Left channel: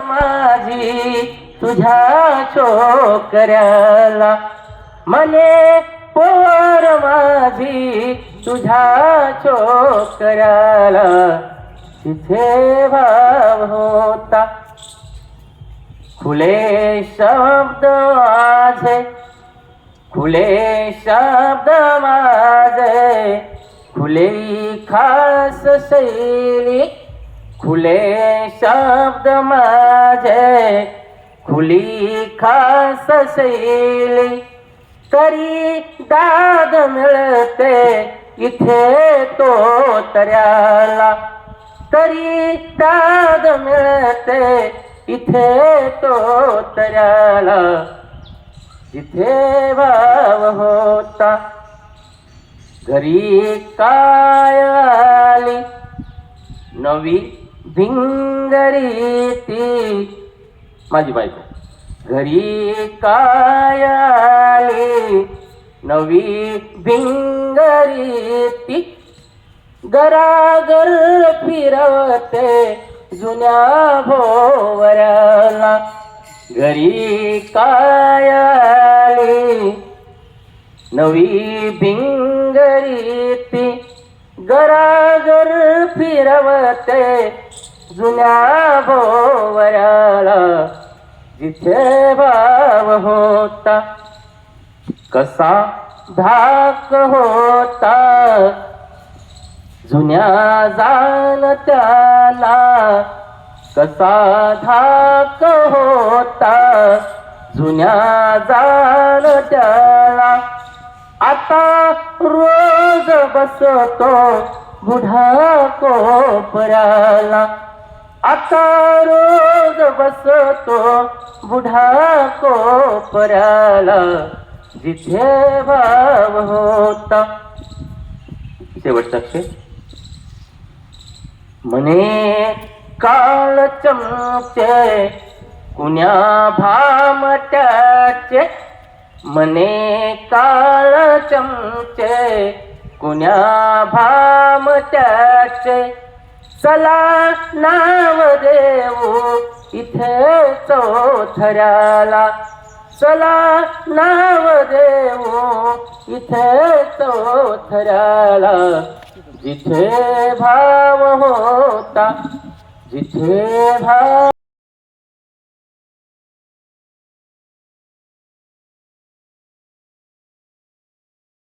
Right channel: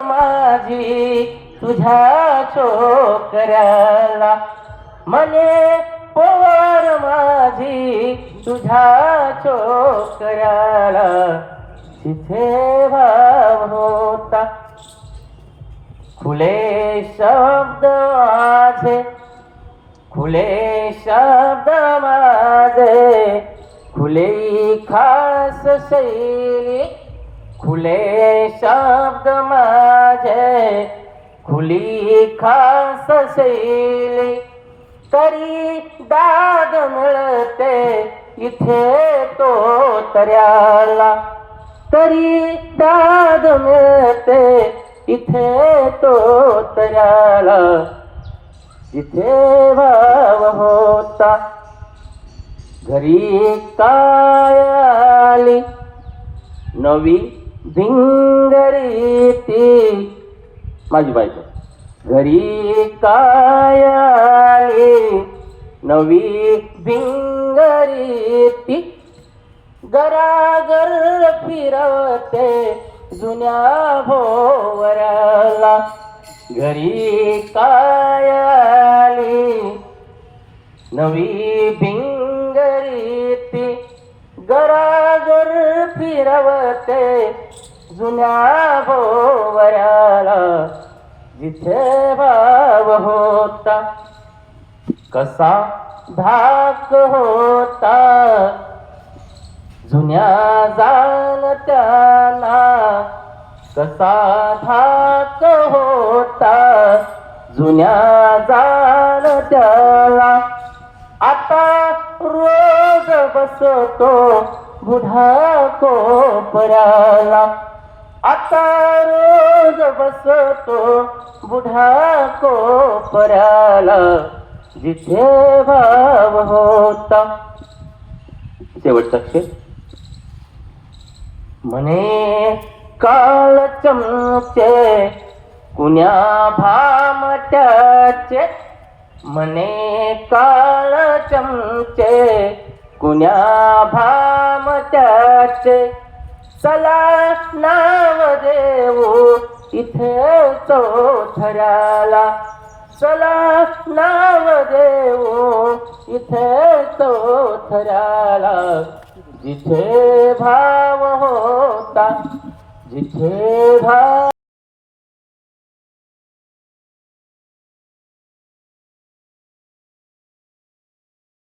माझी तुझ्या छोकऱ्याला मने पोर माझी तुझ्या छोकऱ्याला तिथे भाव होता खुले शब्द माझे खुले शब्द माझे खुली खास शैली खुले शब्द माझे खुली खास शैली तरी दाद मिळते इथे तो तऱ्याला तरी दाद मिळते इथे तो तऱ्याला जिथे भाव होता घरी काय आली नवी भिंगरी ती माझी बायको घरी काय आली नवी भिंगरी ती गरागर फिरवते जुन्या भोवऱ्याला घरी काय आली नवी भिंगरी ती गरागर फिरवते जुन्या भोवऱ्याला जिथे भाव होता कसा धाक होता जुन्या जाणत्याला कसा धाक होता जुन्या जाणत्याला आता रोज बसतो बुढा कोपऱ्याला आता रोज बसतो बुढा कोपऱ्याला जिथे भाव होता शेवटचा अक्षर म्हणे काळ चमचे कुण्या भामट्याचे म्हणे काळ चमचे कुण्या भामट्याचे चला नाव देऊ इथे चौथऱ्याला चला नाव देऊ इथे चौथऱ्याला जिथे भाव होता जिथे भाव